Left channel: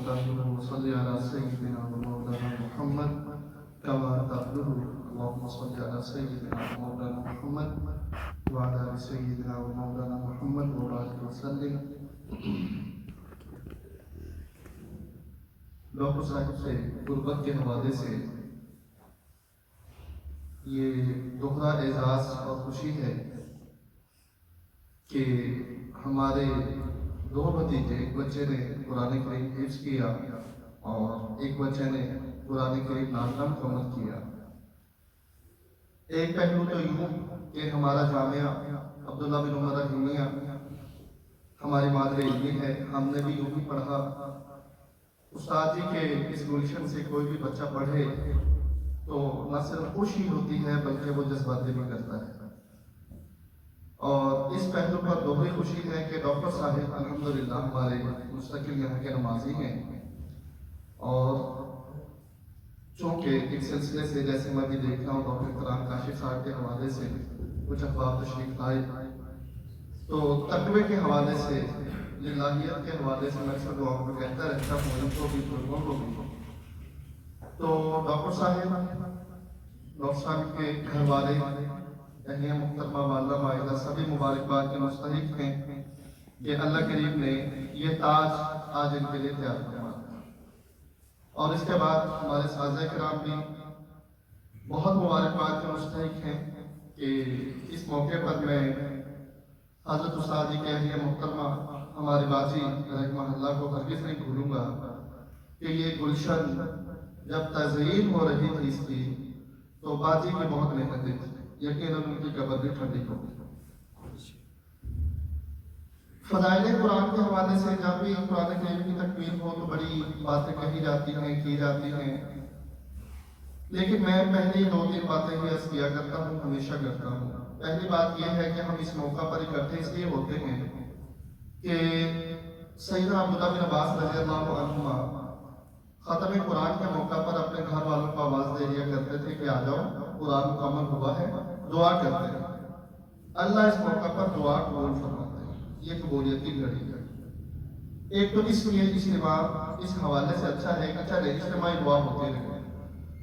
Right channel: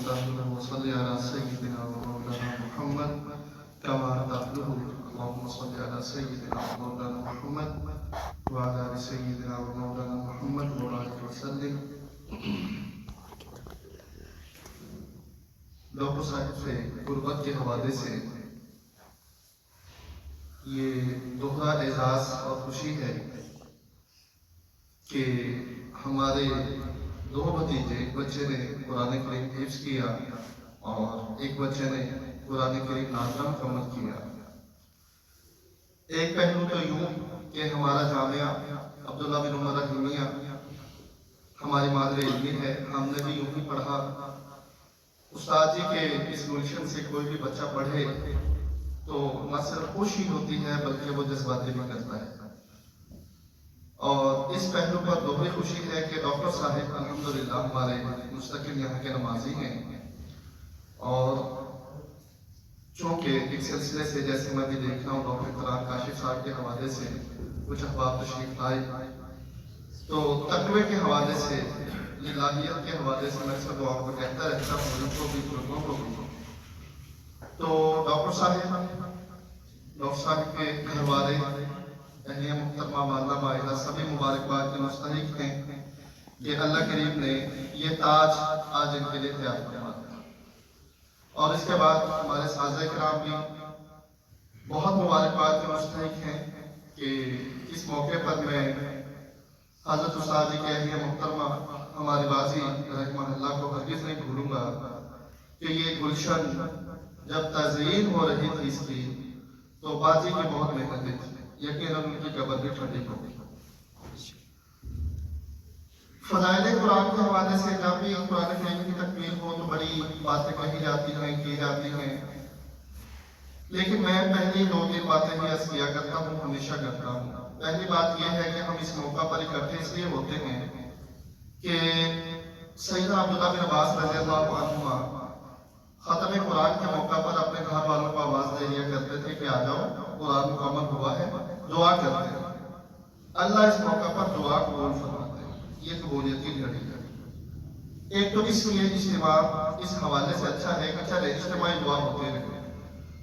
وتعبده وصل على سيدنا ومولانا محمد كما تعبده. اللهم صل على سيدنا ومولانا محمد وعلى آل سيدنا ومولانا محمد وبارك وسلم. ڈاکٹر صاحب سے غربت کے حوالے سے یہ دوہرا اعزاز اور خوشی ہے کہ ہمارے دو بھتیجے، ایک بچے نے قرآن کریم حفظ کیا اور ایک بچے نے قرآن کریم نازلہ مکمل کیا. ایک پہلو تو یوں کہ ہمارا جامعہ عبداللہ بن عمر رحیمیہ ہماری مادر علمی ہے، ہم نے بھی یوں ہی پڑھا. استاد جی کے اس گلشن سے کوئی بھی بچہ پڑھے تو نہ صرف خوشی ہوتی ہے بلکہ وہ جذباتی بھی کرتا ہے. اور اس پہلو پر دوہری خوشی ہے کہ ڈاکٹر صاحب الحمدللہ ہمارے مستقل یہاں کے نمازی ہیں، اور چونکہ ایک سلسلے سے جیسے میں بھی دیکھ رہا ہوں ڈاکٹر فرحان کاشف صاحب کے حوالے سے کچھ احباب تشریف لائے، تو تقوی کے حوالے سے، الہیت کے حوالے سے میں سب دعاؤں کو کہتا رہتا ہوں، ان کو بھی لوگوں کو بھی. تو ڈاکٹر صاحب کے گھر والے اہلیہ محترمہ والدہ مائدہ سبھی مبارکباد کے مستحق ہیں کہ اللہ کریم نے یہ تاج آج ان کے لیے تیار کیا. اور اس کے بعد ہمارے سازِ کرام بھی بہت مبارکباد کے مستحق ہیں کہ اس موقع پر میں حضرت استاد جی کے اہلیہ محترمہ ہماری باجی رحمہ اللہ کو ہرگز نہیں بھولوں گا کہ یہ گلشن جب تزئین ہو رہی تھی اس کی تو باجی کی بہت محنتیں تھی، یقیناً ان کی قبر بھی ٹھنڈی ہو گئی. فضائل قرآن کے حوالے سے جب بھی قرآن کریم کی تکمیل ہو تو بڑی باتیں کہی جاتی ہیں، کی جاتی ہیں، لیکن میں پہلی دو تین باتیں بھی عرض کیا کرتا ہوں، ہمیشہ کرتا ہوں. پہلی بات یہ ہے کہ ہم اس موقع پر اکٹھے اس لیے ہوتے ہیں کہ سیدنا عبداللہ بن عباس رضی اللہ عنہما ختم قرآن کے موقع پر اپنے گھر والوں کو آواز دے دیا کرتے تھے کہ آ جاؤ قرآن مکمل ہوا ہے، دعا کرتے ہیں. اللہ اس موقع پر دعا قبول فرماتے ہیں، یہ قبولیت کی گھڑی ہے. ایک تو اس لیے اجتماع اس حوالے سے اچھا ہے کہ چلے اجتماعی دعا ہوتی رہے،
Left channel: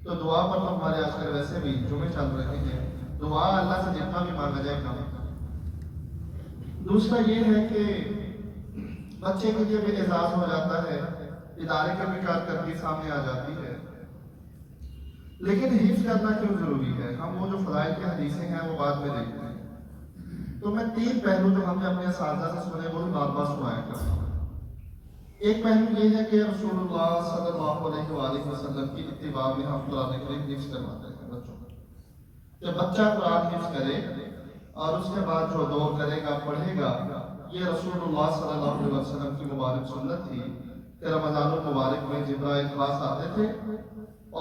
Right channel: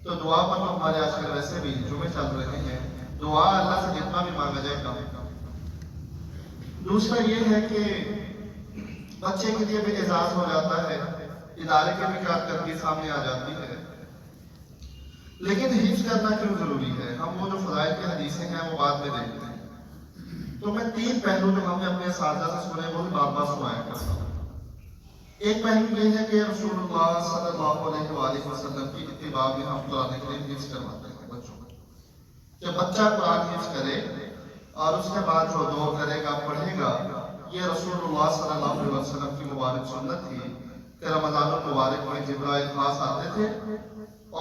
تو دعا پر تو ہمارے آج کل ویسے بھی جمعے چل رہے ہیں، دعا اللہ سے جتنا بھی مانگا جائے کم. دوسرا یہ ہے کہ بچے کے لیے بھی اعزاز ہو جاتا ہے، ادارے کے بھی کارکردگی سامنے آ جاتی ہے. لیکن حفظ کرنا کیوں ضروری ہے؟ ہم وہ جو فضائل کی حدیثیں ہیں وہ بعد میں دیکھتے ہیں. تو میں تین پہلو جو ہم نے اپنے اساتذہ سے سنے وہ بار بار سنایا کرتا ہوں. ایک پہلو یہ ہے کہ رسول اللہ صلی اللہ علیہ وآلہ وسلم کی اتباع میں ہم قرآن کریم حفظ کرواتے ہیں بچوں کو، کہ بچہ قرآن حفظ کرے اور اس کے بعد جو دعا کرے گا، پڑھے گا. یہ رسول اللہ صلی اللہ علیہ وسلم کی مبارک سنت تھی کہ رمضان المبارک میں جبرائیل خاص آتے تھے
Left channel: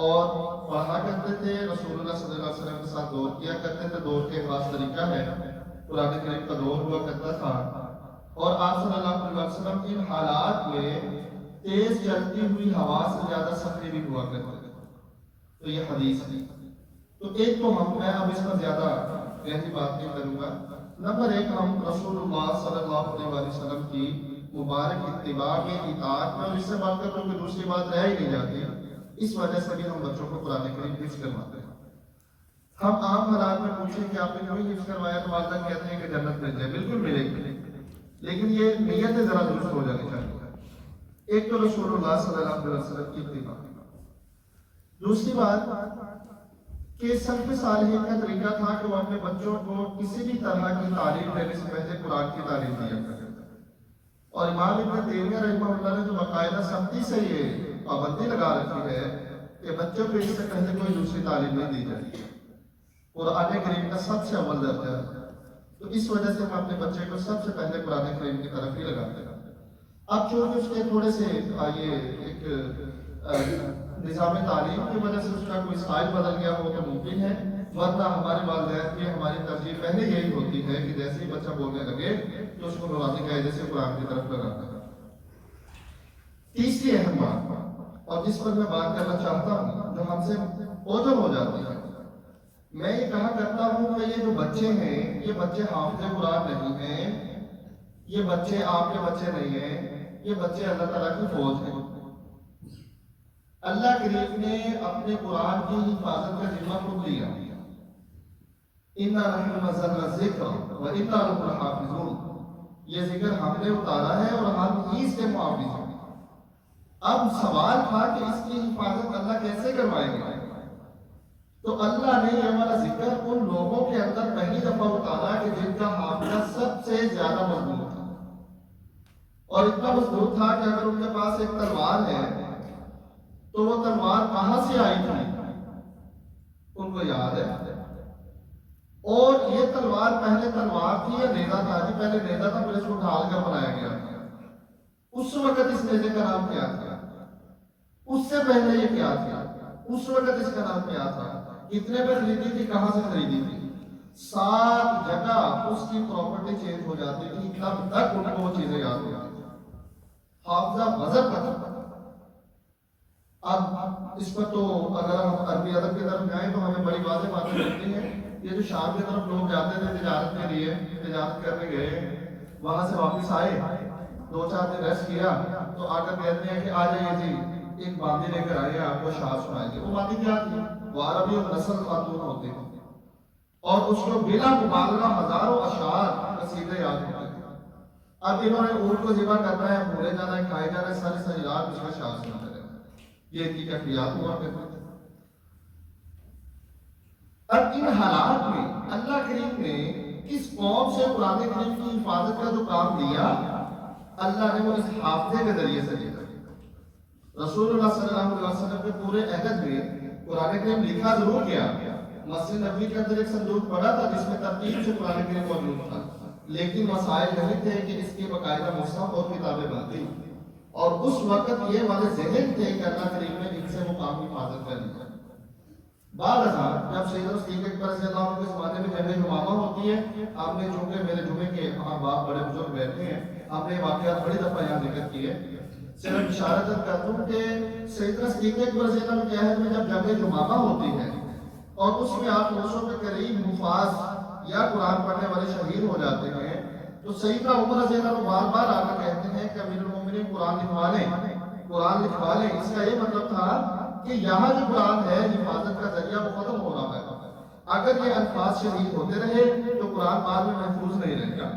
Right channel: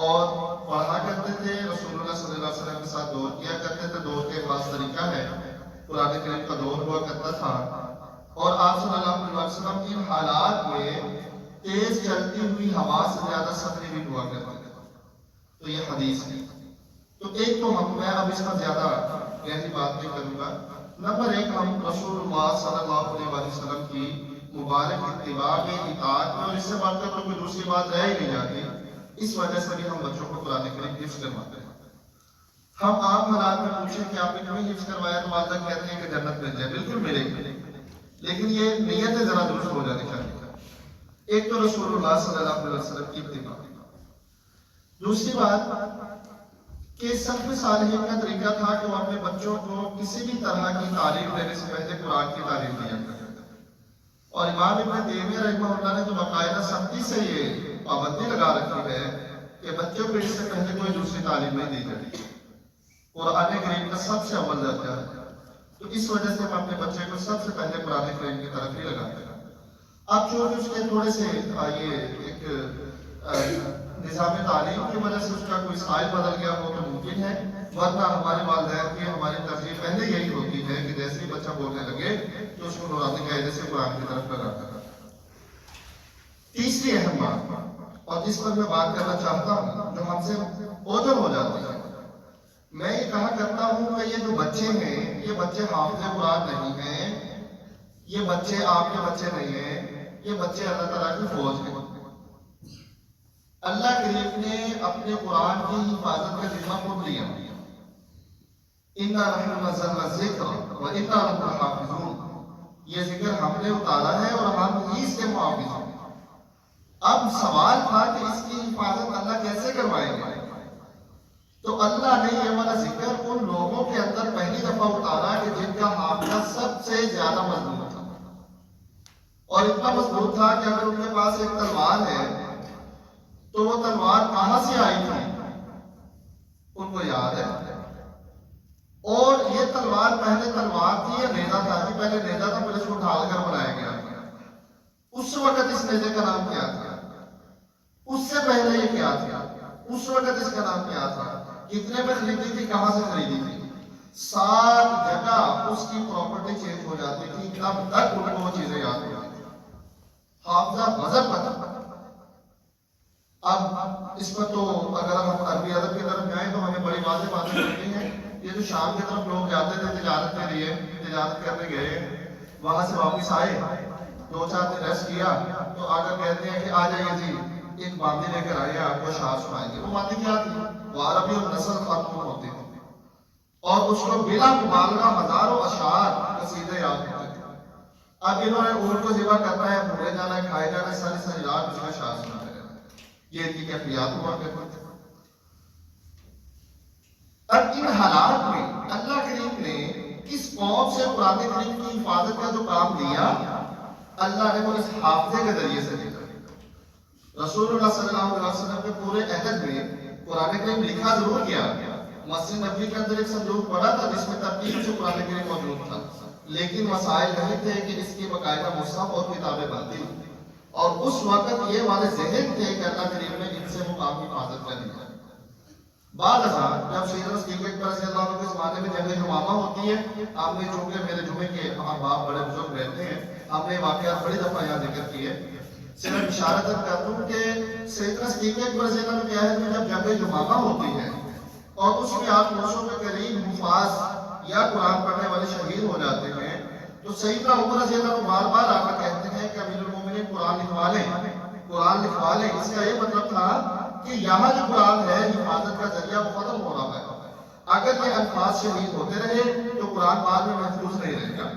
اور پڑھا کرتے تھے، رسول اللہ صلی اللہ علیہ وسلم کے ساتھ دور کیا کرتے تھے. دور کے خاص طریقہ ہے، قرآن کریم کا دور ہوا کرتا تھا، اور آپ صلی اللہ علیہ وسلم ان حالات میں تیز چلتی ہوئی ہوا سے زیادہ سختی بھی ہوا کرتے تھے. تو یہ حدیث ہے. تو ایک تو میں اب اس پر زیادہ گہری بات نہیں کروں گا. نمبر ایک، ہم رسول اللہ صلی اللہ علیہ وسلم کی مبارک اتباع میں اطاعت میں، اور اس سے بات کر تو کوئی دوسری بات رہ ہی نہیں جاتی، اس وجہ سے بھی ہم بچوں کو قرآن کریم حفظ کرواتے ہیں. ہم عام حالات میں پوچھیں کہ آپ نے کیوں حفظ کروایا تو والدہ کہتے ہیں کہ جنت مل جائے. بالکل ملے گی، لیکن یہ نیت ذرا درست ہو جانی چاہیے. ایک تو رسول اللہ صلی اللہ علیہ وسلم کی اتباع. دوسری بات کہ سلف صالحین کا طریقہ تھا کہ وہ اپنے بچوں کو کسی بھی طرح کی تعلیم دینے سے پہلے قرآن کی تعلیم دیا کرتے تھے. اور امام ابن تیمیہ رحمہ اللہ نے تو باقاعدہ سختی سے یہ پابندی لگا رکھی ہے کہ بچوں کو اس سے پہلے کوئی دوسری تعلیم نہیں دی جاتی، قرآن کریم کا سب سے اول درجہ ہے. تو اس وجہ سے ہم اپنے بچے کو سب سے پہلے قرآن کریم کی طرف ہی لگاتے ہیں. اب چونکہ اس کے تھوڑے سے ایک نظام تعلیم کی وجہ سے اس کا کوئی سائل بدل گیا ہو تو ممکن ہے، ورنہ ہماری والدین کی ہماری ترجیح پہلے یہی ہوتی ہے کہ جیسے ہی بچہ بولنے لگے تو اس کو نورانی قاعدے سے قرآن کی طرف لگاتا ہے. تیسری اہم بات، اور جس پر میں بات کرنا چاہتا ہوں، جو ہم سے اوجھل ہو جاتی ہے، میں یہ کہا کرتا ہوں کہ یہ جو بچے ہیں یہ بچے حافظ قرآن نہیں ہیں، یہ بچے آپ کے بچے نہیں ہیں، یہ بچے اللہ تعالیٰ کی فوج ہیں. اللہ کریم نے اپنے قرآن کی حفاظت کا ذمہ خود لیا. اِنَّا نَحْنُ نَزَّلْنَا الذِّكْرَ وَإِنَّا لَهُ لَحَافِظُونَ. یہ ذکر ہم نے اتارا ہے اور ہم ہی اس کے محافظ ہیں. اب سوال تھا کہ اس کی حفاظت اللہ کیسے کروائے گا؟ تو اللہ نے یہ والا ذکر ان لوگوں کے اندر پہلی دفعہ اتارا کہ جن کا حافظہ سب سے زیادہ مضبوط تھا. اور اتنا مضبوط تھا کہ اگر ان کے پاس ایک تلوار ہے تو وہ تلوار کہاں سے آئی تھی ان کو یاد ہے. اور یہ تلوار پہلے تلوار تھی یا نیزہ تھا؟ جی پہلے نیزہ تھا، پھر اس کو ڈھال کر بنایا گیا. اس وقت اس نیزے کا نام کیا تھا؟ اس سے پہلے یہ کیا تھا؟ اس وقت اس کا نام کیا تھا؟ کتنے میں خریدی تھی؟ کہاں سے خریدی تھی؟ 7 جگہ اس کی پراپرٹی چینج ہو جاتی تھی تب تک ان کو وہ چیزیں یاد ہوتی تھی. حافظہ وزن پتہ. اب اس پر تو اگر ہم عربی ادب کی طرف جائیں تو ہمیں بڑی واضح باتیں ملتی ہیں. یہ جو شام کی طرف لوگ جاتے تھے تجارت کے لیے، تجارت کرنے گئے، وہاں سے واپس آئے، 2-4 دن ریسٹ کیا تو آ کر کہتے ہیں کہ آ جائیے جی ایک باندھی لے کر آئیے، آپ کو اشعار سنائیں گے. وہ باندھی کیا تھی؟ وہ عربی اور نسل خاتون ہوتی تھی اور اس کو بلا مبالغہ ہزاروں اشعار قصیدے یاد ہوتے تھے. اب انہوں نے اونٹ کو ذبح کرنا ہے، بھولے جانا ہے، کھائے جانا ہے، ساری رات اس کا اشعار سناتے رہنا. یہ ان کی کیفیات ہوا کرتے تھے. اب ان حالات میں اللہ کریم نے کس قوم سے قرآن کریم کی حفاظت کا جو کام دیا، اللہ نے وہ اس حافظے کے ذریعے سے دیا. رسول اللہ صلی اللہ علیہ وسلم کے پورے عہد میں قرآن کریم لکھا ضرور کیا. مسجد نبوی کے اندر ایک صندوق پڑا تھا جس میں ترتیب سے قرآن کریم موجود تھا، لیکن مسائل نہیں تھے کہ اس کی باقاعدہ مصحف اور کتابیں بنتی. اور اس وقت یہ والے ذہن تھے کہ اللہ کریم نے ان سے وہ کام حفاظت کر دیا. بعد ازاں جب سیدنا صدیق اکبر رضی اللہ عنہ کے زمانے میں جنگ یمامہ ہوتی ہے، ہم نے چونکہ میرے جمعے کے احباب بڑے بزرگ رہتے ہیں، ہم نے واقعات بڑی دفعہ یہاں ذکر کیے. صرف اشارت کرتا ہوں کہ سیدنا صدیق اکبر رضی اللہ عنہ کے عہد میں جب جنگ یمامہ ہوتی ہے اور اس میں 800 کے قریب حفاظ یا قرآن پڑھنے والے شہید ہو جاتے ہیں، تو سیدنا عمر رضی اللہ عنہ بار بار آ کر کہتے ہیں کہ امیر المومنین قرآن لکھوا لیں، قرآن لکھوا لیں. اس کا یہ مطلب تھا کہ یہاں جو قرآن ہے حفاظت کا ذریعہ وہ ختم ہو رہا ہے. اگر یہ الفاظ شہید ہوتے رہے تو قرآن بعد میں محفوظ نہیں رہے گا.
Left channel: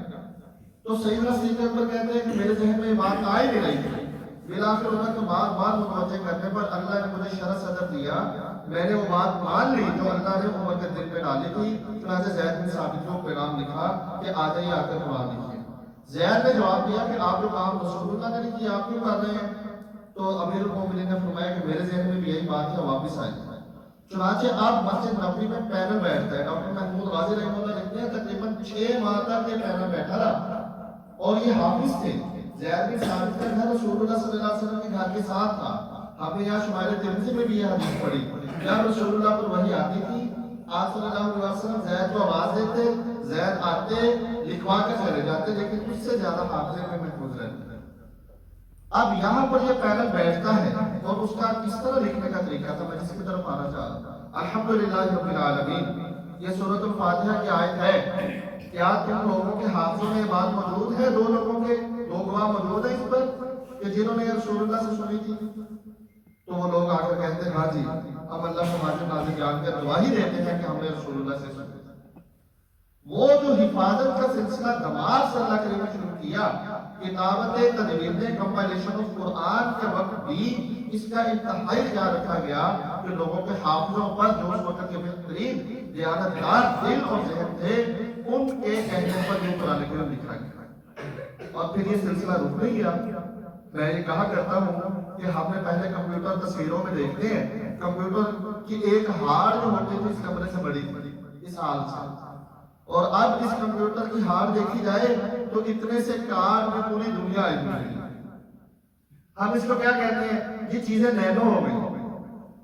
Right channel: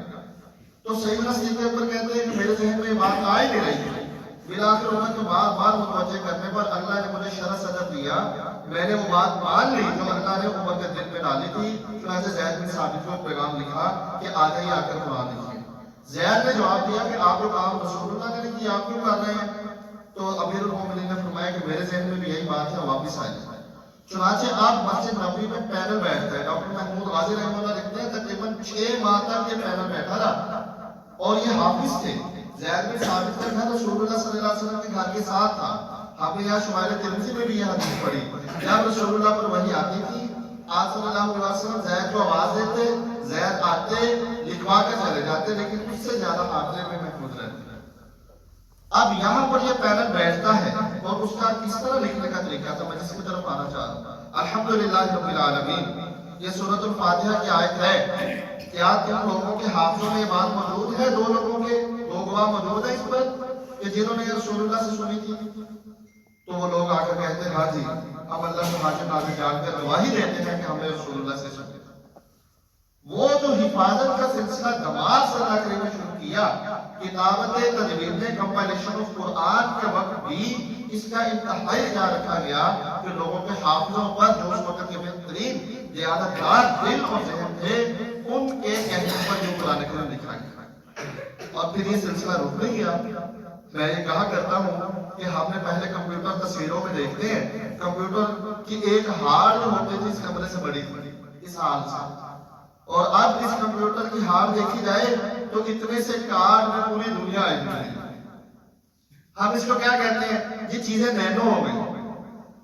تو سیدنا صدیق اکبر کہتے ہیں کہ میرے ذہن میں یہ بات آئی نہیں رہی تھی. بالآخر انہوں نے بار بار متوجہ کرنے پر اللہ نے مجھے شرح صدر دیا. میں نے وہ بات مان لی جو اللہ نے عمر کے دل میں ڈالی تھی. چنانچہ زید بن ثابت کو پیغام لکھا کہ آ جائیے آ کر قرآن لکھیے. زید نے جواب دیا کہ آپ کو کام رسول اللہ نے لکھی، آپ کیوں کر رہے ہیں؟ تو امیر المومنین نے فرمایا کہ میرے ذہن میں بھی یہی بات ہے، واپس آئیے. چنانچہ آپ مسجد نبوی میں پینل بیٹھ گئے. ڈاکٹر محمود غازی رحمہ اللہ لکھتے ہیں تقریباً 6 ماہ تک یہ پینل بیٹھا رہا اور یہ حافظ تھے. زید بن ثابت کا گھر رسول اللہ صلی اللہ علیہ وسلم کے گھر کے ساتھ تھا. ہم نے یہاں شمائل ترمذی میں بھی یہ حدیث پڑھی. جب رسول اللہ پر وحی آتی تھی، آپ صلی اللہ علیہ وسلم زید کو آواز دیتے، زید آتے لکھوا کر چلے جاتے، لیکن اس سے زیادہ حافظے میں محفوظ رہتے. اب یہاں پر یہ پینل بیٹھتا ہے اور اس کا کس طرح لکھنے کا طریقہ تھا، میں جس کی طرف آنا چاہتا ہوں. الحمدللہ رب العالمین، یہ سورۃ الفاتحہ کی آیت ہے. کیا تم لوگوں کے ہاتھوں میں بات موجود ہے؟ 2 لوگوں کے 2 گواہ موجود ہیں اس پر کہ جنہوں نے رسول اللہ سے سنی تھی. تو وہ لوگ آ کر کہتے ہیں ہاں جی، ہم اللہ کو حاضر ناظر جان کر گواہی دیتے ہیں کہ ہم نے رسول اللہ سے سنی تھی. وہ جو حفاظت کا سلسلہ دماغ سے اللہ کریم نے شروع کیا، کتابت تدوین کمپائلیشن آف قرآن کے وقت بھی اس کا انتہائی خیال رکھا گیا کہ لوگوں کے حافظوں پر جو اس وقت کے بہترین دیانتدار دل اور ذہن تھے ان کے کہنے پر جو قرآن کریم لکھا گیا. اور پھر یہ سلسلہ رک نہیں گیا. میں یہ کہا کرتا ہوں کہ ہم نے پہلے کمپیوٹر تصویروں میں دیکھتے ہیں، کمپیوٹر کی ایک ہارڈ جو ہوتی تھی اس کمرے سے بڑی تھی اس حال سے، اور اب اس کمپیوٹر کی ہارڈ دیکھی جائے تو اتنے سے کارڈ میں پوری دنیا آئی ہوئی. ہم اس کو کیا کہتے ہیں؟ یہ چیزیں نینو ہو گئی.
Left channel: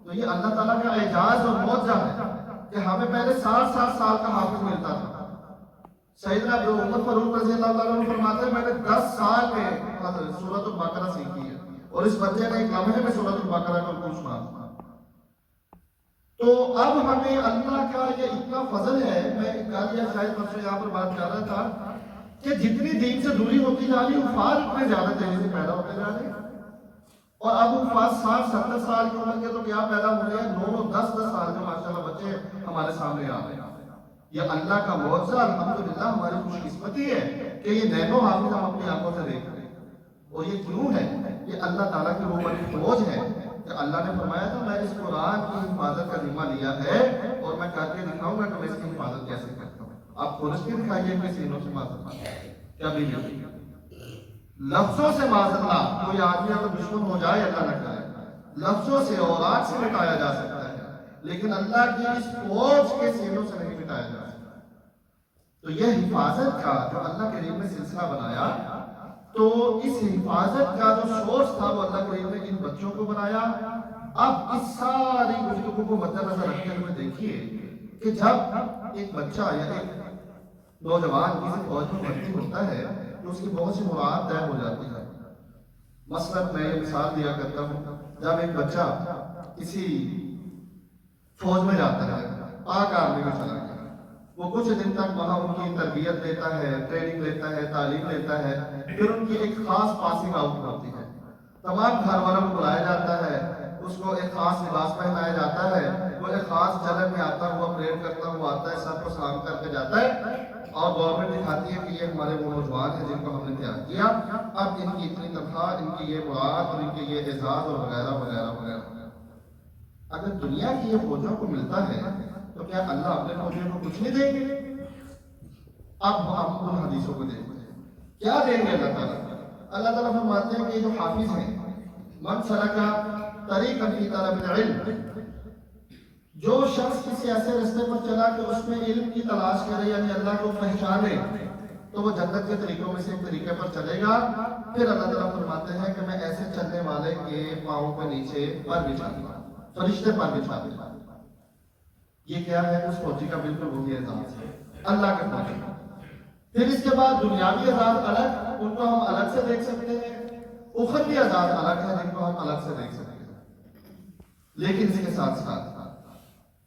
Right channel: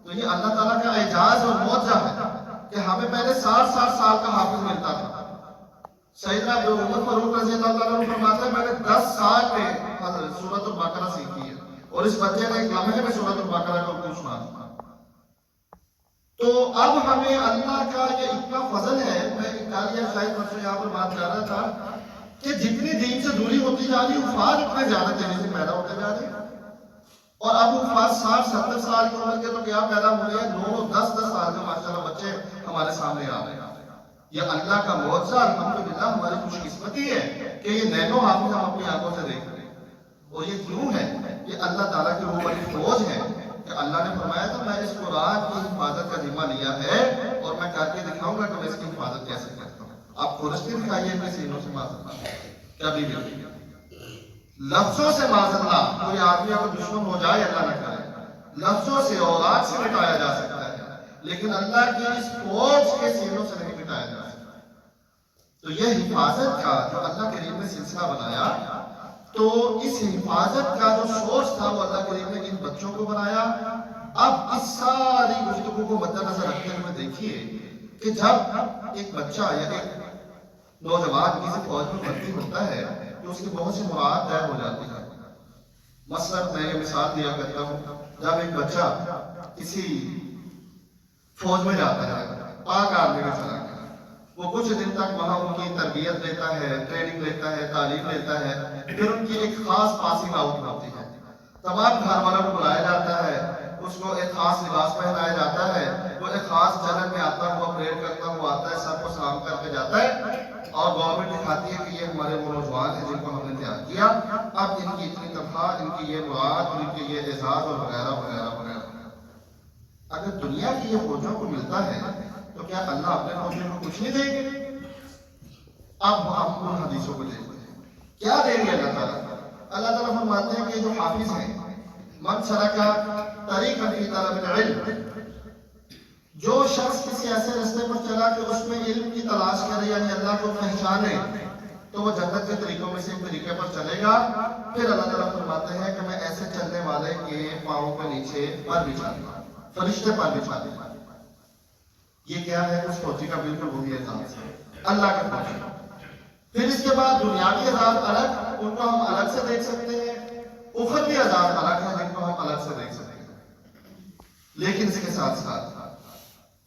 تو یہ اللہ تعالیٰ کا اعجاز اور معجزہ ہے کہ ہمیں پہلے 60 سال کا حافظ ملتا تھا. سیدنا ابو عمر فاروق رضی اللہ عنہ فرماتے ہیں میں نے 10 سال میں سورۃ البقرہ سیکھی ہے اور اس بچے کا ایک لمحے میں سورۃ البقرہ کو سنا تھا. تو اب ہمیں اللہ کا یہ اتنا فضل ہے. میں کل یا شاید پرسوں یہاں پر بات کر رہا تھا کہ جتنی دین سے دوری ہوتی جا رہی افراد اتنے زیادہ تیزی سے پیدا ہوتے جا رہے ہیں اور اب وہ 60-70 سال کی عمر کے تو کیا پیدا ہو رہے ہیں، 9-10 سال کے ماشاءاللہ بچے ہمارے سامنے آ رہے ہیں۔ یہ اللہ کا معجزہ، الحمدللہ ہماری خوش قسمتی ہے کہ یہ نینو حافظ ہم اپنی آنکھوں سے دیکھ رہے ہیں۔ اور یہ کیوں ہے؟ یہ اللہ تعالیٰ کی وہ بڑی فوج ہے کہ اللہ نے فرمایا تھا میں اس قرآن کی حفاظت کا ذمہ لیا ہے اور میں کر کے دکھاؤں گا کہ میں اس کی حفاظت کیسے کرتا ہوں۔ آپ کھولش کے دکھائیے کہ سینوں سے حفاظت کبھی بھی لفظوں سے معذاللہ کوئی آدمی اگر دشمن ہو جائے، اللہ نہ کرے، لفظوں سے اور آگ سے مٹایا جا سکتا ہے، لیکن اللہ کی اس فوج کے سینوں سے نہیں مٹایا جا سکتا۔ تو یہ حفاظت کا جو اللہ کریم نے سلسلہ بنایا، تو اس حفاظت کا جو سورس تھا وہ اللہ کریم نے ان بچوں کو بنایا۔ اب اس ساری گفتگو کو مد نظر رکھتے ہوئے دیکھیے کہ جب ایک بچہ یا ایک نوجوان کسی فوج میں بھرتی ہوتا ہے تو اس کی بہت سی مراحل طے ہو جاتی ہے۔ مثلا میں یہ مثال دیا کرتا ہوں، جب ایک بچہ کسی فوج میں جاتا ہے، پاک آرمی میں چلا گیا، وہ کچھ دن تک وہاں ان کی تربیت لیتا ہے، ٹریننگ لیتا ہے، تعلیم لیتا ہے، پھر ان کی ایک خاص پاسنگ آؤٹ ہوتی ہے، تمام گھر والوں کو بلایا جاتا ہے، اس کو ایک خاص لباس پہنایا جاتا ہے، وہ ایک خاص جگہ میں آتا ہوا پریڈ کرتا ہوا آتا ہے، سب کو سلام کر کے جاتا ہے، اور گورنمنٹ دکھاتی ہے کہ یہ ہمارے وہ نوجوان ہیں جن کو ہم نے تیار کیا، اب ان کی اتنی تنخواہ، ان کی یہ مواد، ان کے یہ اعزاز اور وغیرہ وغیرہ وغیرہ۔ اگر دنیا کی یہ فوجوں کو ملتا ہے تو کیا اللہ اپنے فوجیوں کو کچھ نہیں دیں گے؟ اب ہم ان حدیثوں کو دیکھتے ہیں، کیا دیں گے اللہ تعالیٰ؟ اللہ تعالیٰ فرماتے ہیں کہ جو حافظ ہیں، من سلکا طریقا فی طلب العلم، جو شخص کسی ایسے راستے پر چلا کہ اس میں علم کی تلاش کرے، یعنی اللہ کو پہچانے، تو وہ جنت کے طریقوں میں سے ایک طریقے پر چلے گا۔ پھر اللہ تعالیٰ فرماتے ہیں کہ میں ایسے چلنے والے کے پاؤں کے نیچے پر بچھا دوں گا، فرشتے پر بچھا دوں گا۔ یہ کیا ہے؟ اس فوجی کا بالکل وہی اعزاز ہے، اللہ کا فوجی۔ پھر اس کے بعد دنیاوی اعزاز الگ، ان کو ہم الگ سے دیکھ سکتے ہیں، اخروی اعزاز الگ ہے جن کو ہم الگ سے دیکھ سکتے ہیں۔ لیکن اس کے ساتھ ساتھ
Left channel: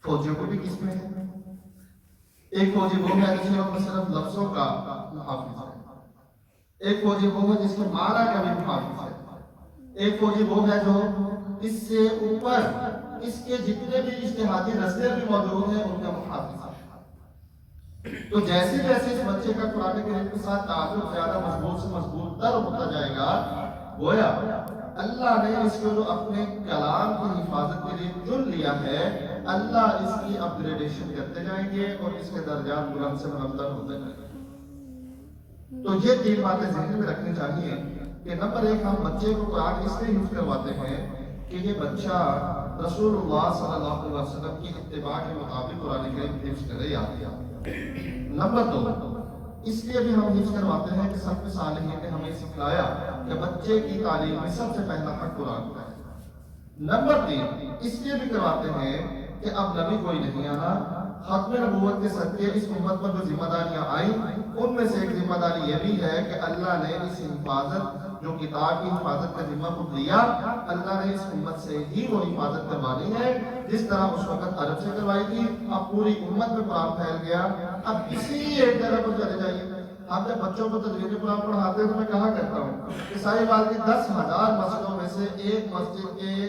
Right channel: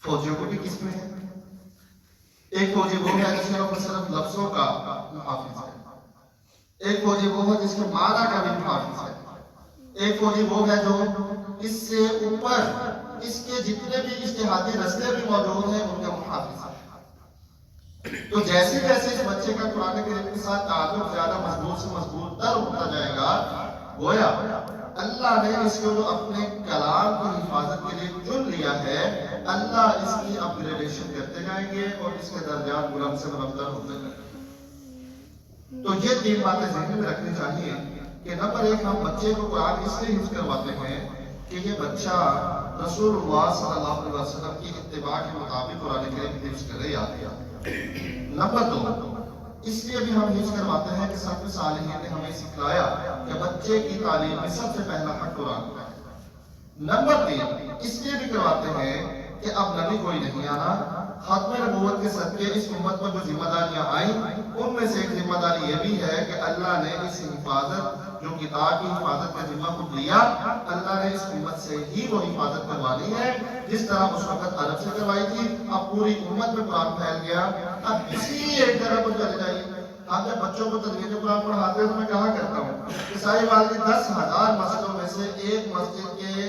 فوجیوں کو بھی قسمیں ہیں۔ ایک فوجی وہ ہے جس میں صرف لفظوں کا محافظ ہے، ایک فوجی وہ ہے جس میں معنی کا بھی محافظ ہے، ایک فوجی وہ ہے جو اس سے اوپر اس کے جتنے بھی اجتہادی رستے بھی موجود ہیں ان کا محافظ ہے۔ تو جیسے جیسے اس بچے کا قرآن کریم کے ساتھ تعلق زیادہ مضبوط سے مضبوط تر ہوتا جائے گا، گویا اللہ نے اس کو جو اپنے کلام کی حفاظت کے لیے چن لیا ہے، اللہ اس کی اپ گریڈیشن کرتے جائیں گے اور اس کے درجات بلند سے بلندر ہوتے جائیں گے۔ تو یہ تین باتیں ذہن میں رکھنی چاہیے کہ نمبر ایک، ہم بچے کو قرآن اس لیے حفظ کرواتے ہیں کہ یہ بچہ رسول اللہ صلی اللہ علیہ وسلم کی اتباع کے مطابق قرآن کریم حفظ کرے یا نمبر دو، اس لیے بھی ہم حفظ کرواتے ہیں کہ سلف صالحین نے ہمیں سکھلایا کہ بچے کی تعلیم میں سب سے پہلا حق قرآن کا ہے۔ نمبر تین، اس لیے بھی کرواتے ہیں کہ اب نبی کوئی نہیں آنا، ختم نبوت کے صدقے اس امت پر جو ذمہ داریاں آئیں ان میں سے ایک ذمہ داری یہ بھی ہے کہ اللہ نے اس حفاظت جو کتاب کی حفاظت کا ذمہ کو دیا، اللہ نے اس امت سے ہی وہ حفاظت کروانی ہے جس طرح اس وقت عرب سے کروائی تھی۔ اب پوری امت میں قرآن پھیل گیا، اب اسی ایک جگہ پر چلے جائیے۔ ہم جب بچوں کو تدریج قرآن پڑھاتے ہیں تو میں کہا کرتا ہوں کہ سائی بال کی 10,000 مسجدوں میں سے ایک مسجد کے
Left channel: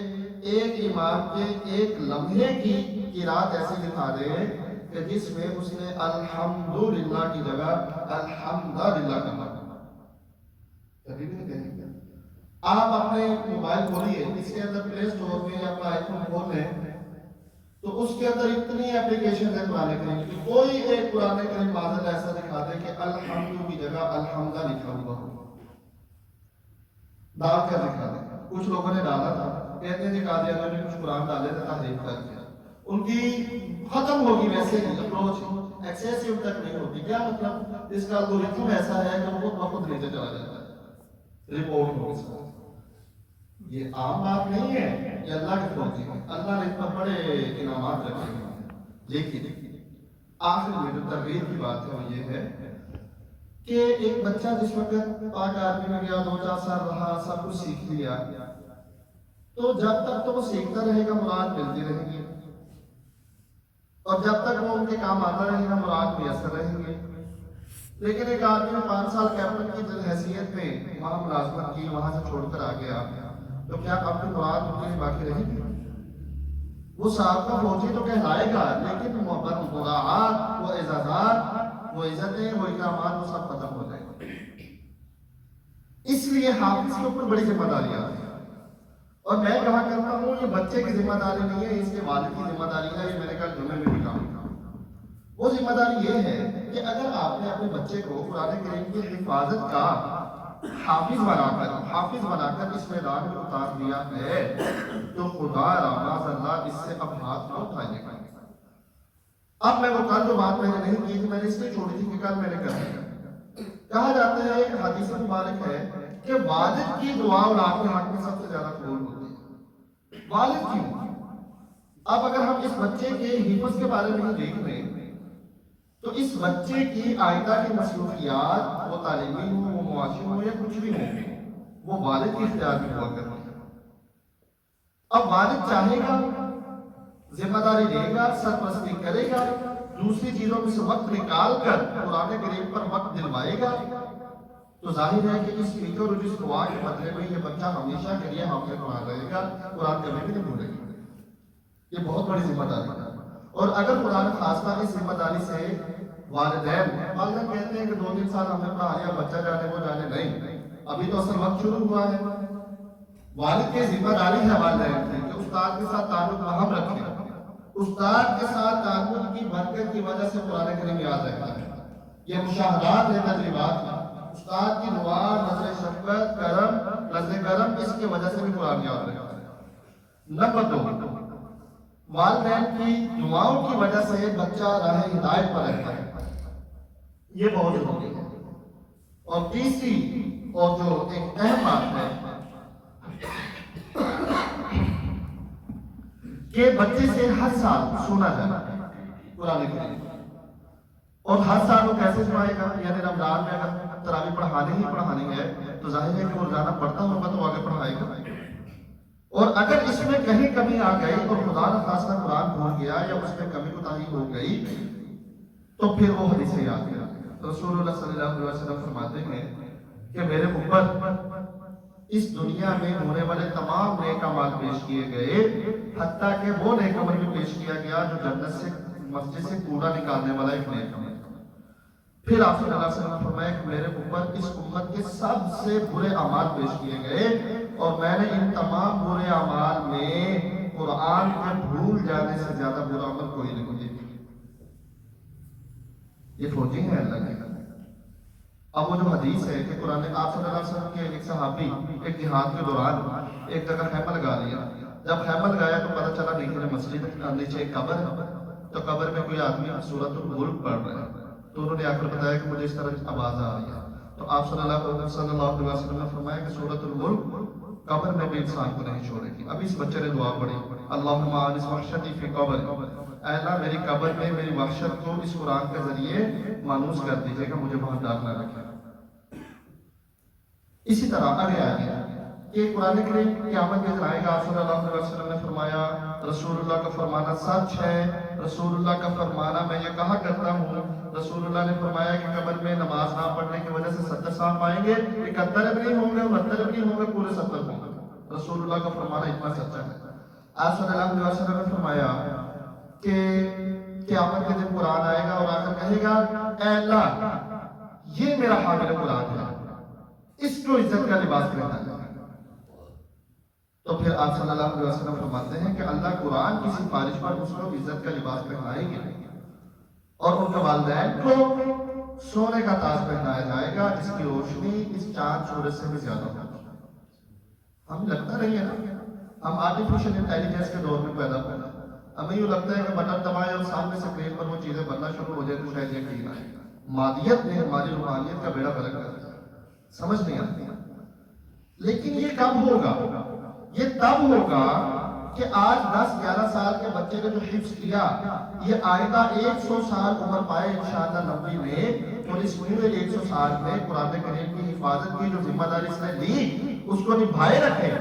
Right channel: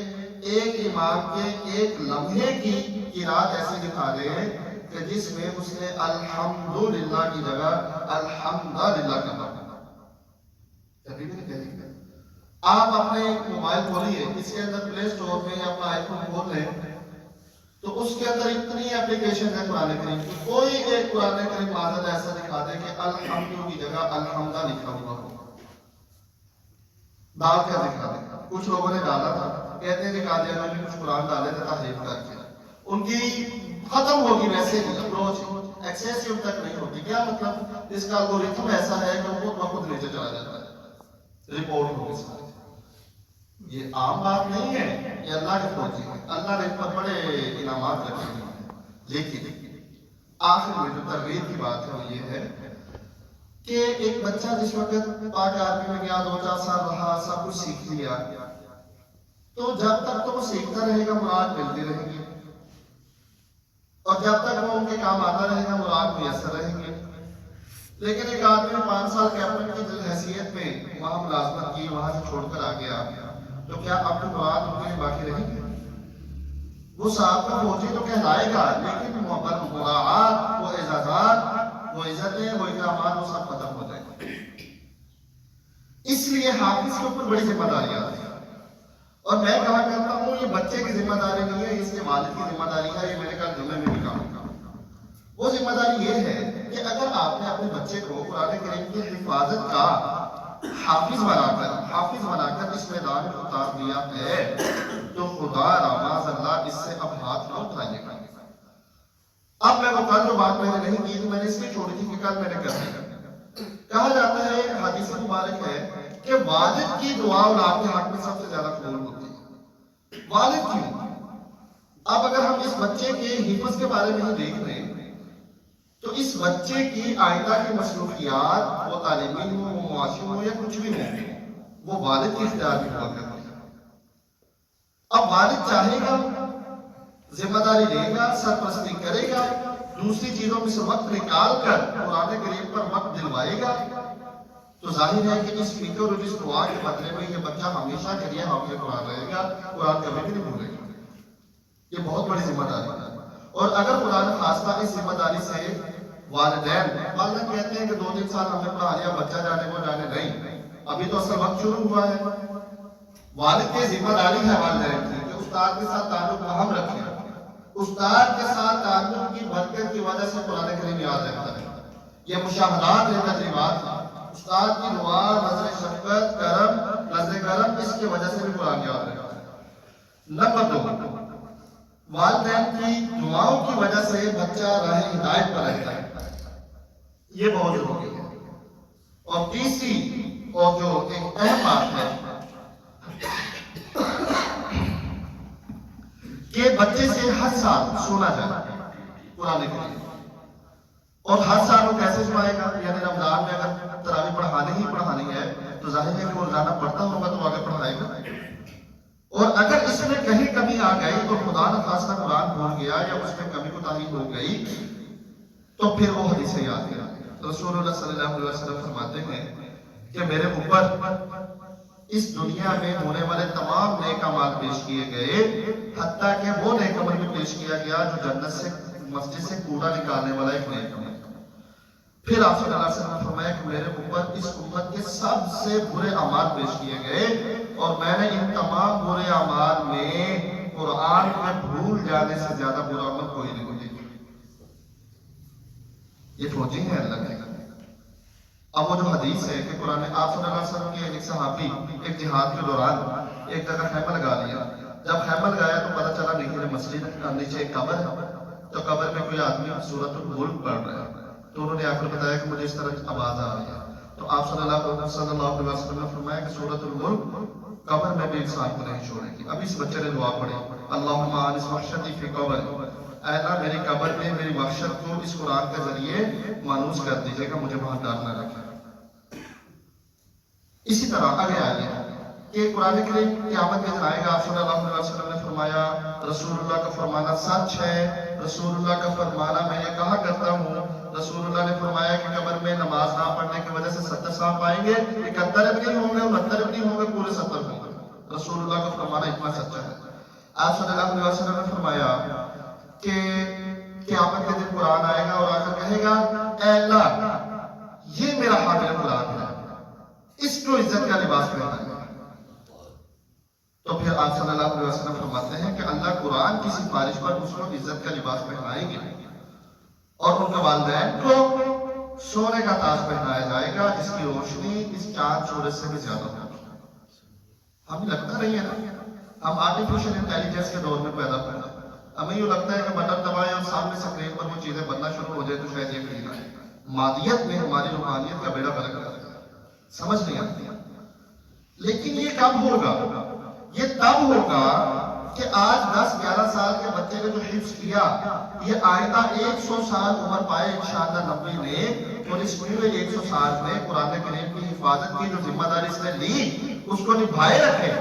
ایک امام کے ایک لمحے کی قرات ایسی دکھا دیں کہ جس میں اس نے الحمدللہ کی جگہ الحمدللہ کہا۔ کبھی بھی نہیں کہیں گے۔ آپ اپنے موبائل کھولیے، اس کے اندر پلے سٹور میں اپنا آئی فون کھول لیں تو اس کے اندر اتنی اپلیکیشن ہے قرآن کریم کی، کوئی ایک قرآن کریم معذر ایسا دکھا دے کہ الحمد کی جگہ الحمدہ لکھا ہوا ہو۔ دال کا دکھا دے۔ کچھ لوگوں نے ڈالا تھا، کہتے ہیں کہ قادیانیوں نے کچھ قرآن ڈالے تھے تحریف کر کے، ان کی ختم ہوگی ویسے ہی اپروچ ایکسیسیو تک نہیں ہوتی۔ کیا مطلب؟ اس کا الگورتھم ایسا ہے کہ وہ بہت نیچے چلا جاتا ہے، رپورٹ ہوگی ساری۔ یہ عام بات نہیں ہے، یہ اللہ کے فوجی ہے، اللہ نے اتنا بڑے انعامات رکھے ہیں۔ لیکن آخر میں جو ترغیب کی بات ہے وہ یہ ہے کہ ایک بچہ جس وقت پاک آرمی میں گیا، 2-4 سال وہاں سب کچھ سیکھ لیا، تو جب تک تو وہ سیکھتا رہے گا مراد ملتی رہیں گی، اور جب تک وہ ان کے کام آتا رہے گا مراد میسر رہیں گے۔ لیکن ایک آدمی نے 5 سال کیپٹن کی حیثیت میں وہاں ملازمت کی، وہاں سے چھوڑ کر آ گیا، تو کیا آپ کے قرآن ان کے باقی رہیں گے؟ وہ صاحب کا فوجی تو کہلائے گا، لیکن محبت مراعات، وہ اعزازات، وہ عزتیں، وہ اکرامات، وہ سب ختم ہو جائیں گے۔ اس لیے حافظ کے اوپر بڑی ذمہ داری آتی ہے، اور میں کہا کرتا ہوں یہ بچے کی ذمہ داری نہیں ہے، اس کے والد کی ذمہ داری ہے۔ یہ میں نے کہا جملے میں بھی کہا، وہ ذمہ داری یہ ہے کہ اگر آپ نے اپنے بچے کو قرآن کریم کی حفاظت کا حافظ بنا کر اس میدان میں اتار دیا ہے تو خدا معاذ اللہ اس سے اب ہاتھ نہ اٹھائے گا۔ اب میں وہ کل جو بات میں نے نہیں کی تھی، میں نے اس لیے چھوڑی تھی کہ کل میں نے کر دی۔ کہا جاتا ہے، حدیث مبارک ہے کہ والد کی دعا اور آپ کے حق میں سب سے زیادہ قبول ہوتی ہے۔ والد کیوں؟ اب اگر ہم اس بچے کے حفظ کے بارے میں دیکھ لیں تو اس بچے کی آئندہ کی مصروفیات، وہ تعلیمی ہو، وہ معاشی ہو، یا کچھ بھی ہو، وہ والد کی اختیار میں ہوا کرتی ہے۔ اب والد چاہے گا، ذمہ داری لے گا، سرپرستی کرے گا، دوسری چیزوں میں سے وقت نکال کر قرآن کریم پر وقت دلوائے گا، تو ظاہر ہے کہ اس فکر اور اس دعا کے بدلے میں یہ بچہ ہمیشہ کے لیے حافظ قرآن رہے گا، قرآن کبھی بھی نہیں بھولے گا۔ یہ بہت بڑی ذمہ داری ہے، اور اگر خدا نے خاصہ اس ذمہ داری سے والدین کہتے ہیں کہ 2-3 سال ہمیں پڑھا لیا، بچہ جانے کو جانے نہیں، ابھی تو اصل وقت شروع ہوا ہے۔ والد کی ذمہ داری ہے والدین کی کہ استاد کے ساتھ تعلق اہم رکھیں، استاد کے ساتھ تعلق کی برکت کی وجہ سے قرآن کریم یاد رہتا ہے۔ یہ مشاہدات ہیں، تجربات ہیں، استاد کی دعا، نظر شفقت، نظر کرم، اس کی وجہ سے بھی قرآن یاد رہتا ہے۔ نمبر 2، والدین کی دعاؤں کی وجہ سے بچہ راہ ہدایت پر رہتا ہے، یہ بہت ضروری ہے۔ اور تیسری اور جو ایک اہم بات ہے کہ بچے سے ہر سال سنا جائے قرآن کریم، اور ہر سال وہ کیسے سنائے گا؟ یعنی رمضان میں اگر تراویح پڑھانی ہے تو ظاہر ہے کہ وہ روزانہ پڑھتا ہوگا تو آگے پڑھائے گا، اور اگر اس میں کہیں کمی آ گئی تو خدا نہ خاصہ قرآن بھول گیا یا اس میں کمی کوتاہی ہو گئی تو پھر وہ حدیثیں یاد کریں۔ رسول اللہ صلی اللہ علیہ وسلم فرماتے ہیں کہ میرے اوپر اس دنیا میں ہونے والے تمام نیک اعمال پیش کیے گئے، حتیٰ کہ وہ نیک عمل بھی پیش کیا گیا جو جنت سے، مسجد سے کوڑا نکالنے والا ایک نیک عمل۔ پھر آپ صلی اللہ علیہ وسلم نے فرمایا کہ میرے اوپر اس امت کے سب سے برے اعمال پیش کیے گئے، اور میں نے ان تمام برے اعمال میں قرآن کے بھول جانے سے زیادہ برا عمل کوئی نہیں دیکھا۔ یہ فوجی ہے اللہ کے۔ اب وہ جو حدیث ہے کہ قرآن، آپ صلی اللہ علیہ وسلم کے ایک صحابی ایک جہاد کے دوران ایک جگہ خیمہ لگا لیا، جب خیمہ لگایا تو پتہ چلا نیچے مسجد، نیچے ایک قبر ہے، تو قبر میں کوئی آدمی سورۃ الملک پڑھ رہا ہے، تو انہوں نے آ کر بتایا کہ مجھے اس طرح آواز آ رہی ہے، تو آپ صلی اللہ علیہ وسلم نے فرمایا کہ سورۃ الملک قبر میں بھی انسان کو نہیں چھوڑے گی۔ اب اس بچے نے دعا پڑھی، اللہم آنس وحشتی فی قبر، اے اللہ میری قبر میں میری وحشت کو اس قرآن کے ذریعے مانوس کر دیجیے گا، مجھے وہاں ڈر نہ رکھے۔ اسی طرح آگے آئے کہ قرآن کریم قیامت میں آئے گا، آپ صلی اللہ علیہ وسلم نے فرمایا رسول اللہ کا فرمانا سچ ہے، رسول اللہ کا فرمانا میں یہ کہا کرتا ہوں، رسول اللہ نے فرمایا کہ قبر میں نماز نہ پڑھنے کی وجہ سے 70 سانپ آئیں گے، 71 بھی نہیں ہوں گے، 69 بھی نہیں ہوں گے، پورے 70 ہوں گے۔ رسول اللہ کا فرمانا اتنا سچا ہے۔ آپ صلی اللہ علیہ وسلم نے فرمایا کہ قیامت کے دن قرآن آئے گا اور آ کر کہے گا اے اللہ یہ میرا حامل قرآن ہے، اس کو عزت کا لباس پہنانا ہے۔ تو پھر آپ صلی اللہ علیہ وسلم فرماتے ہیں کہ اللہ قرآن کی سفارش پر اس کو عزت کا لباس پہنائیں گے، اور ان کے والدین کو سونے کا تاج پہنایا جائے گا جس کی روشنی اس چاند سورج سے بھی زیادہ ہوگی۔ ہمیں لگتا نہیں ہے نا، ہم آرٹیفیشل انٹیلیجنس کے دور میں پیدا ہوئے، ہمیں یہ لگتا ہے کہ بٹن دبائے اور سامنے اسکرین پر وہ چیزیں بننا شروع ہو جائے تو شاید یہ ٹھیک ہے۔ مادیت میں ہماری روحانیت کا بیڑا بلک رہتا ہے، سمجھ نہیں آتی۔ لیکن یہ کب ہوگا؟ یہ تب ہوگا کہ آج 10-11 سال کے بچے نے جو حفظ کیا، یہ آئندہ 100 سال عمر پائے انشاءاللہ نبی نے، اور اس پورے 100 سال میں قرآن کریم کی حفاظت کی جو ذمہ داری اس نے لی اس کو نبھائے رکھے،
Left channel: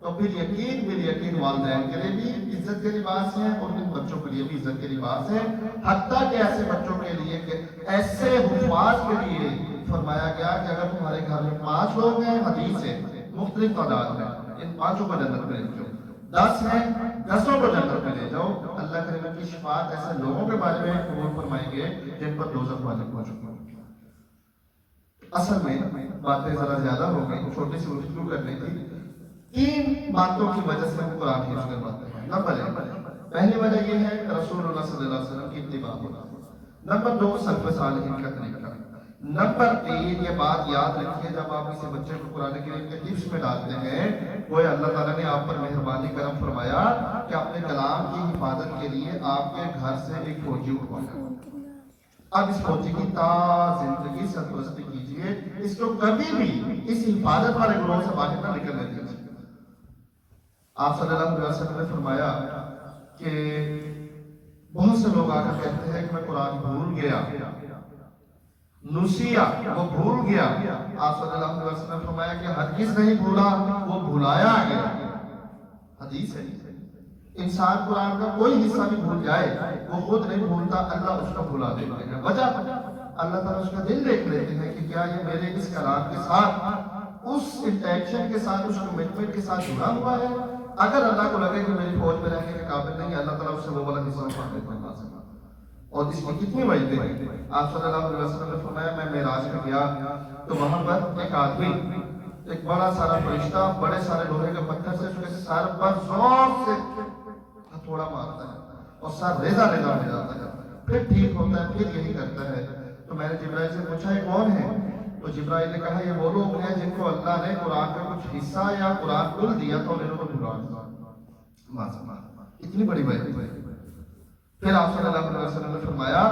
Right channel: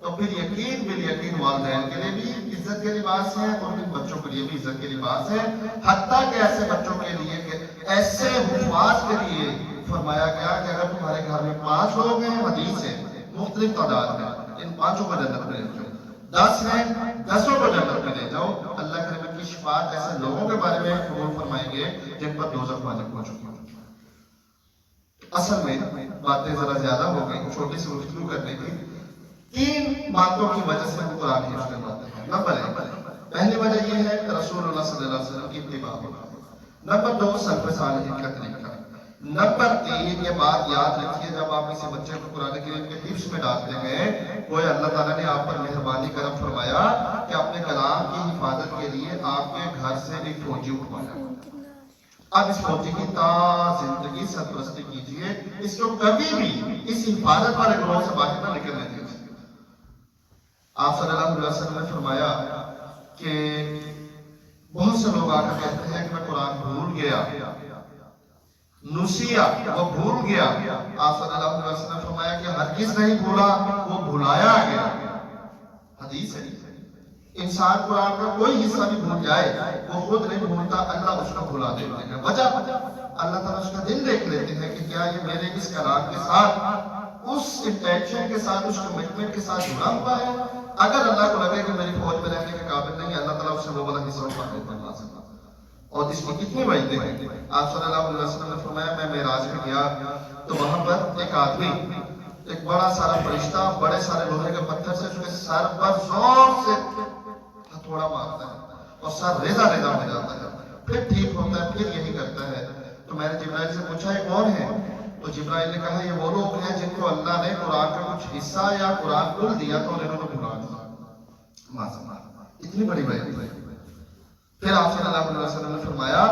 تو پھر یقین والدین کے لیے بھی عزت کے لباس ہیں اور ان بچوں کے لیے بھی عزت کے لباس ہیں، حتیٰ کہ ایسے بچوں کے لیے کہ ایسے حفاظ کے لیے فرمایا گیا کہ اگر تمہارے گھر میں 5 لوگ ہیں، حدیث ہے مختلف تعداد میں، ان 5 کو جنت میں لے جاؤ، 10 ہیں 10 کو جنت میں لے جاؤ۔ اللہ کریم کی شفاعت ایسے لوگوں کے بارے میں قبول فرمائیں گے جن پر دوزخ واجب ہو چکی ہے۔ اصل میں باتیں ذرا زیادہ ہو گئی، چھوٹی سی گفتگو کرنے کی۔ 3 باتوں کی وجہ سے ہم قرآن حفظ کرواتے ہیں۔ پہلی وجہ یہ ہے رسول اللہ صلی اللہ علیہ وسلم کی اتباع ہونا۔ نمبر 2 سلف صالحین کا طریقہ۔ نمبر 3 یہ بات یاد رکھیے، جب آپ کسی بچے کو قرآن کریم کے حفظ میں ڈالتے ہیں، وہ اللہ تعالیٰ نے آپ پر مہربانی کرم فرمایا کہ اپنے کلام کی حفاظت کے لیے آپ کے گھر سے ایک فوجی اٹھوایا۔ اب اس فوجی کی تا زندگی سرپرستی کیجیے، اس کو کبھی بھی اس حفاظت والے گروہ سے باہر نہ نکلنے دیجیے۔ آپ صلی اللہ علیہ وسلم نے فرمایا کہ بہت سے لوگ آ کر کہتے ہیں کہ میں قرآن بھول گیا، نسیا وہ بھول گیا۔ آپ صلی اللہ علیہ وسلم نے فرمایا کہ ہرگز نہیں بھولا، وہ بھلایا گیا۔ حدیث ہے، انسان قرآن کا کوئی حصہ بھی بھول جائے وہ خود نہیں بھولتا، اللہ اس کو بھلا دیتا ہے۔ وجہ اللہ تعالیٰ اس کا دل دیکھ لیتے ہیں کہ کیا یہ میرے اس کلام کے ساتھ، اس انٹینشن کے ساتھ، اس کمٹمنٹ کے ساتھ جڑا ہوا ہے۔ اگر اللہ کو لگے کہ میری فوج میں رہنے کے قابل نہیں ہے، اللہ تعالیٰ اس سے وہ والا حصہ اٹھا دیتا ہے۔ اور اس کی کتنی وجہیں ہیں۔ آپ صلی اللہ علیہ وسلم نے فرمایا میں معراج میں گیا تو وہاں پر ایک آدمی ایک بڑا سارا فرشتہ بڑے سارے لوہے کے پتھر سے اس کے سر پر زور سے ہتھوڑا مارتا ہے اور سر ریزہ ریزہ ہو جاتا ہے، پھر ٹھیک ہوتا ہے، پھر یہی کرتا ہے۔ تو میں نے جبرائیل سے پوچھا یہ کون ہے؟ تو جبرائیل نے کہا یہ وہ لوگ ہیں جن کو اللہ نے قرآن کا کچھ حصہ یا قرآن کل دیا تو انہوں کو بھلا دیا۔ اتنی بڑی وجہ ہے۔ پھر آپ صلی اللہ علیہ وسلم نے فرمایا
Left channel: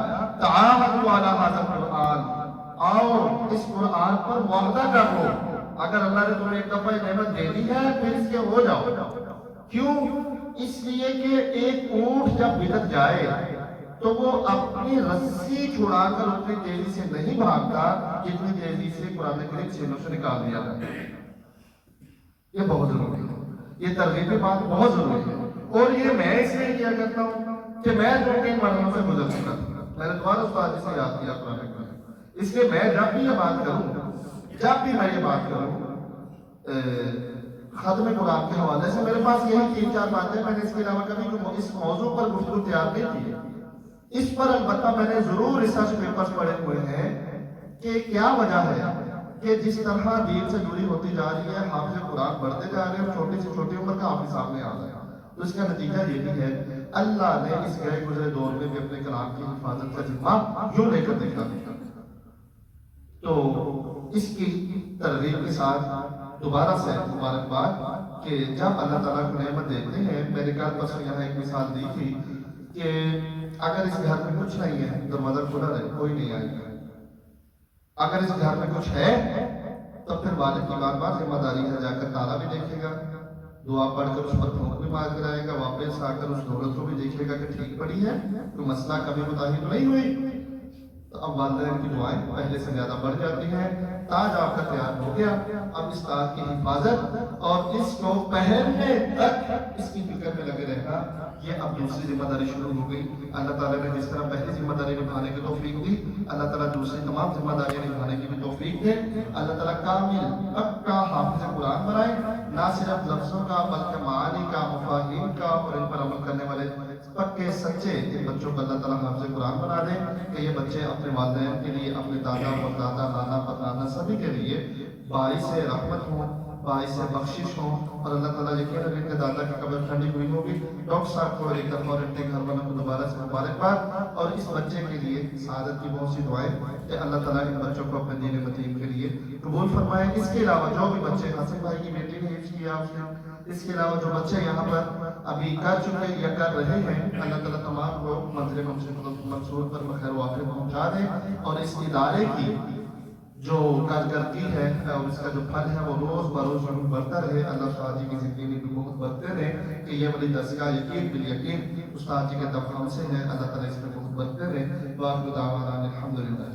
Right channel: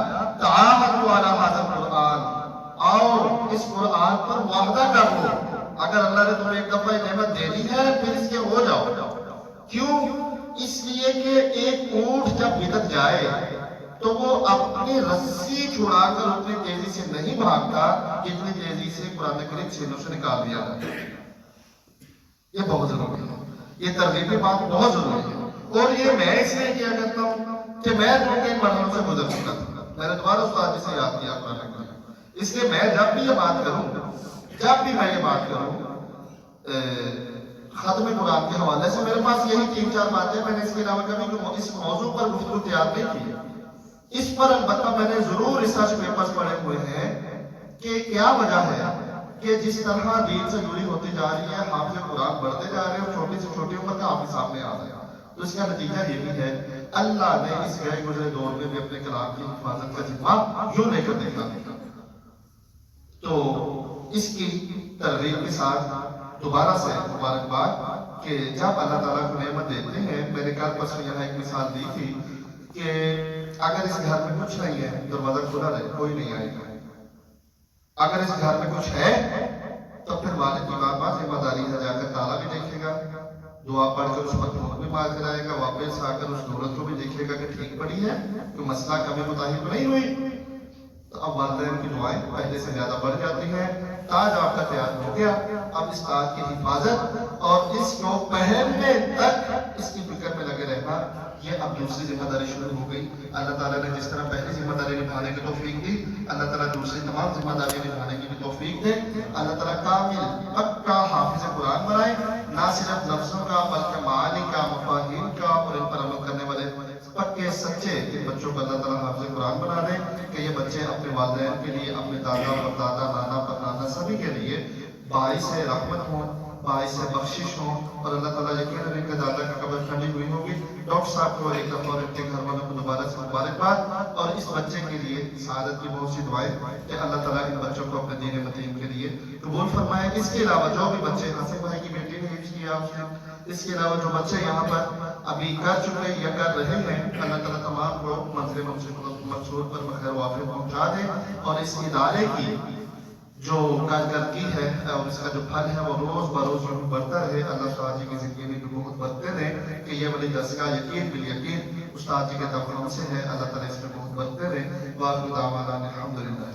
تعاہدوا علی ھذا القرآن، آؤ اس قرآن پر معاہدہ کر لو۔ اگر اللہ نے تمہیں ایک دفعہ نعمت دے دی ہے پھر اس کے ہو جاؤ۔ کیوں؟ اس لیے کہ ایک اونٹ جب بھٹک جائے تو وہ اپنی رسی چھڑا کر اتنی تیزی سے نہیں بھاگتا جتنی تیزی سے قرآن کریم سینوں سے نکال دیا جائے۔ یہ بہت ضروری ہے، یہ ترغیب کی بات بہت ضروری ہے۔ اور یہ میں اس لیے کیا کرتا ہوں کہ میں 2-3 مرحلوں سے گزر چکا تھا، میں نے دوبارہ استاد سے یاد کیا قرآن کریم، اس لیے میں جب بھی یہ بات کروں، جب بھی میں یہ بات کروں ختم قرآن کے حوالے سے، میرے پاس یہی 3-4 باتیں، میں نے اس کے علاوہ کبھی اس موضوع پر گفتگو تیار نہیں کی۔ اس پر البتہ میں نے ضرور ریسرچ پیپرز پڑھے ہوئے ہیں کہ کیا وجہ ہے کہ جس طرح دین سے جڑی ہوتی جا رہی ہے، حافظ قرآن بڑھتے جا رہے ہیں اور چھوٹی سے چھوٹی عمر کا حافظ سامنے آ رہا ہے۔ تو اس کا نتیجہ یہ بھی ہے اللہ نے اس گئے گزرے دور میں بھی اپنے کلام کی حفاظت کا ذمہ یوں لے کر دیکھا۔ تو اس کی ترغیب کے ساتھ دوبارہ سے مبارکباد کہ جب اللہ تعالیٰ کو نعمت دیتے ہیں، میں نے کل پرسوں یہاں ایک مثال دی تھی کہ اگر اس گھر میں کچھ نہیں ہے دروازہ کھلا رہے کوئی نہیں آئے گا، اگر اس گھر میں کچھ ہے تو پھر والد کی بات ذمہ داری ہے جا کر تالا بھی دیکھے گا، دعا پڑھ کر اس پر پھونک بھی مار کر آئے گا، واپس آ کر اس دولت کو بھی دیکھے گا کہ ٹھیک پڑی ہے، کوئی مسئلہ کمی کوتاہی تو نہیں ہوئی۔ تو اب والدین کی دعائیں پہلے سے زیادہ بڑھ جاتی ہیں۔ تاج آپ کا تیار ہو گیا، اب اس تاج کی حفاظت اور اس کو پہننے تک اس کی فکر میں لگے رہنا، یہ اب دوسری ذمہ داری شروع ہو گئی۔ اللہ تعالیٰ نے جس طرح پہلی ذمہ داری نبھانے کی توفیق دی، اللہ تعالیٰ دوسری تمام ذمہ داریاں نبھانے کی بھی توفیق دے۔ اللہ تعالیٰ کامل پکا حافظ قرآن بنائے، نہ صرف لفظوں کا بلکہ معانی کا، مفاہیم کا اور ان پر عمل کرنے والے پکے سچے ان بچوں کو اللہ تعالیٰ حافظ قرآن بنا دے کہ یہ بچے اپنے والدین کے لیے، اپنے دادا پر دادا، نانا پر نانا، سبھی کے لیے باعث رحمت ہوں، باعث بخشش ہوں۔ اور اللہ تعالیٰ یقین ان کے دادا کی قبر ٹھنڈی ہوئی ہوگی۔ ڈاکٹر صاحب کو ایک دفعہ ان کے گھر والوں کو دوبارہ سے مبارکباد، اور اس بچے کے لیے سعادت کی بہت سی دعائیں کہ اللہ تعالیٰ ان بچوں کو اپنے دین متین کے لیے قبول فرمائے۔ اس کے علاوہ جو بھی بچے حسین بھائی کی بیٹی نے حفظ کیا، اس کے علاوہ جو بچے یہاں پر ابھی کر چکے یا کر رہے ہیں، اللہ تعالیٰ تمام کو منزل منصور پر بخیر وافر پہنچا دے، اور اس ادارے کی جو کارکردگی ہے اور اس کا جو پھل ہے وہ روز بروز یوں بڑھتا رہے۔ اللہ استاد جی کی زندگی میں بھی بہت برکتیں دیں کہ یہ بڑی دستگاہ یقین بالیقین استاد جی کے دفعوں سے ہے، اللہ تعالیٰ اس میں بہت برکتیں دیں۔ وآخر دعوانا الحمدللہ۔